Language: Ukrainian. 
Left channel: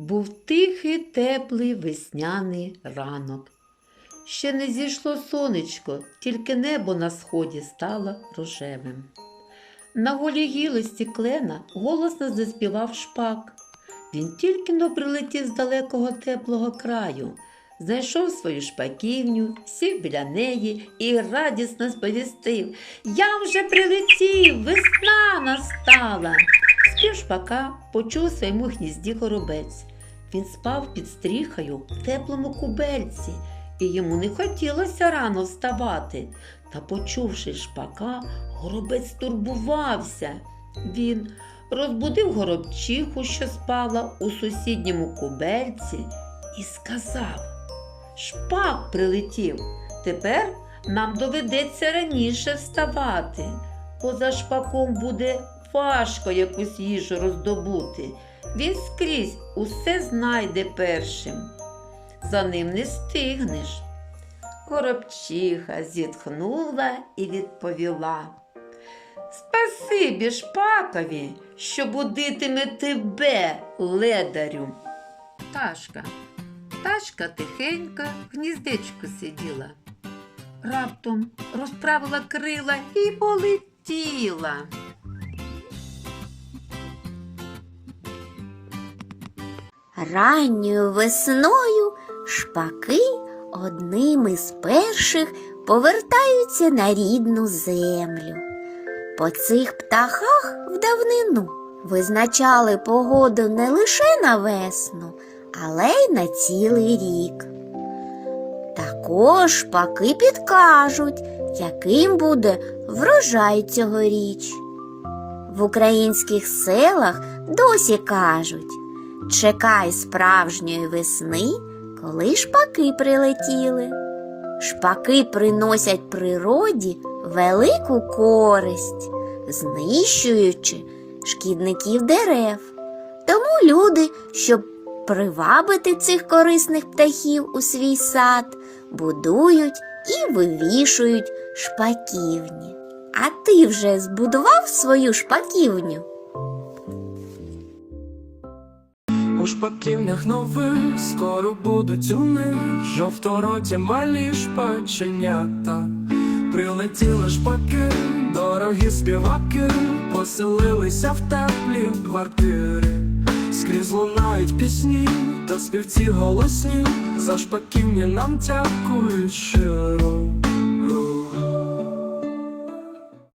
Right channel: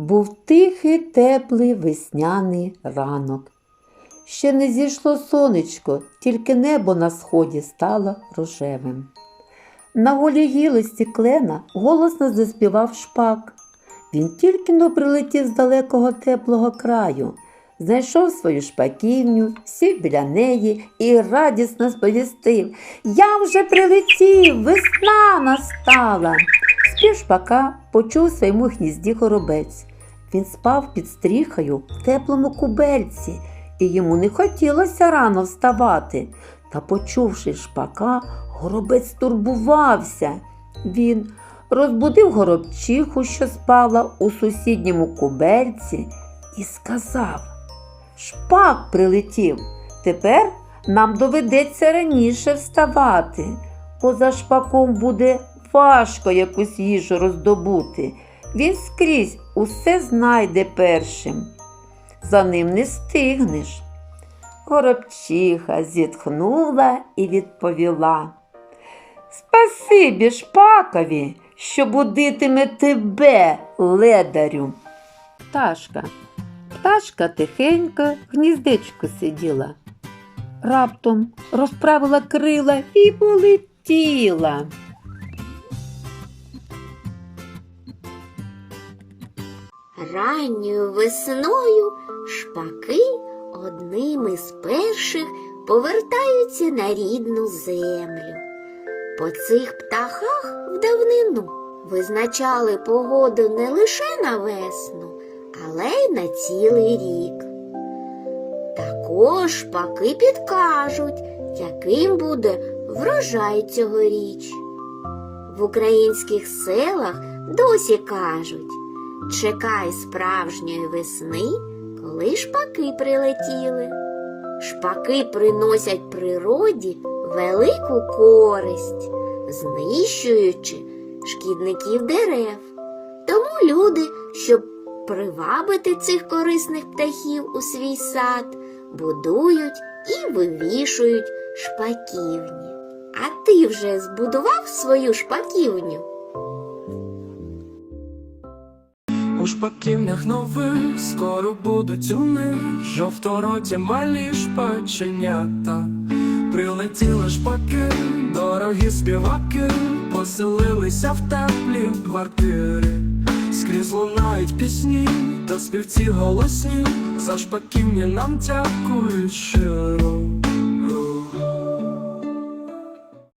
Був тихий, теплий весняний ранок. Ще не зійшло сонечко, тільки небо на сході стало рожевим. На голій гілості клена голосно заспівав шпак. Він тільки но прилетів з далекого теплого краю, знайшов свою шпаківню, сів біля неї і радісно сповістив Я вже прилетів, весна настала. Спів шпака почув своєму гнізді горобець. Він спав під стріхою в теплому кубельці, і йому не хотілося рано вставати. Та, почувши шпака, горобець турбувався. Він розбудив горобчиху, що спала у сусідньому кубельці, і сказав Шпак прилетів. Тепер нам доведеться раніше вставати, бо за шпаком буде важко якусь їжу роздобути. Він скрізь усе знайде першим. За ним не стигнеш. Горобчиха зітхнула і відповіла. Спасибі шпакові, що будитиме тебе, ледарю. Пташка. Пташка тихенько в гніздечку сиділа. Раптом розправила крила і полетіла. Ранньою весною шпаки одним із перших повертаються на рідну землю. По цих птахах в давнину визначали погоду не лише на весну, але й на цілий рік. Також шпаки підкажуть, яким буде врожай цьогоріч. В українських селах досі кажуть Чекай справжньої весни, коли шпаки прилетіли. Шпаки приносять природі велику користь, знищуючи шкідників дерев. Тому люди, щоб привабити цих корисних птахів у свій сад, будують і вивішують шпаківні. А ти вже збудував свою шпаківню? У шпаківнях нових скоро будуть у них жовтороті малі шпаченята. Прилетіли шпаки, дорогі співаки, поселилися в теплі квартири. Скрізь лунають пісні та співці голосні, за шпаківні нам дякують щиро.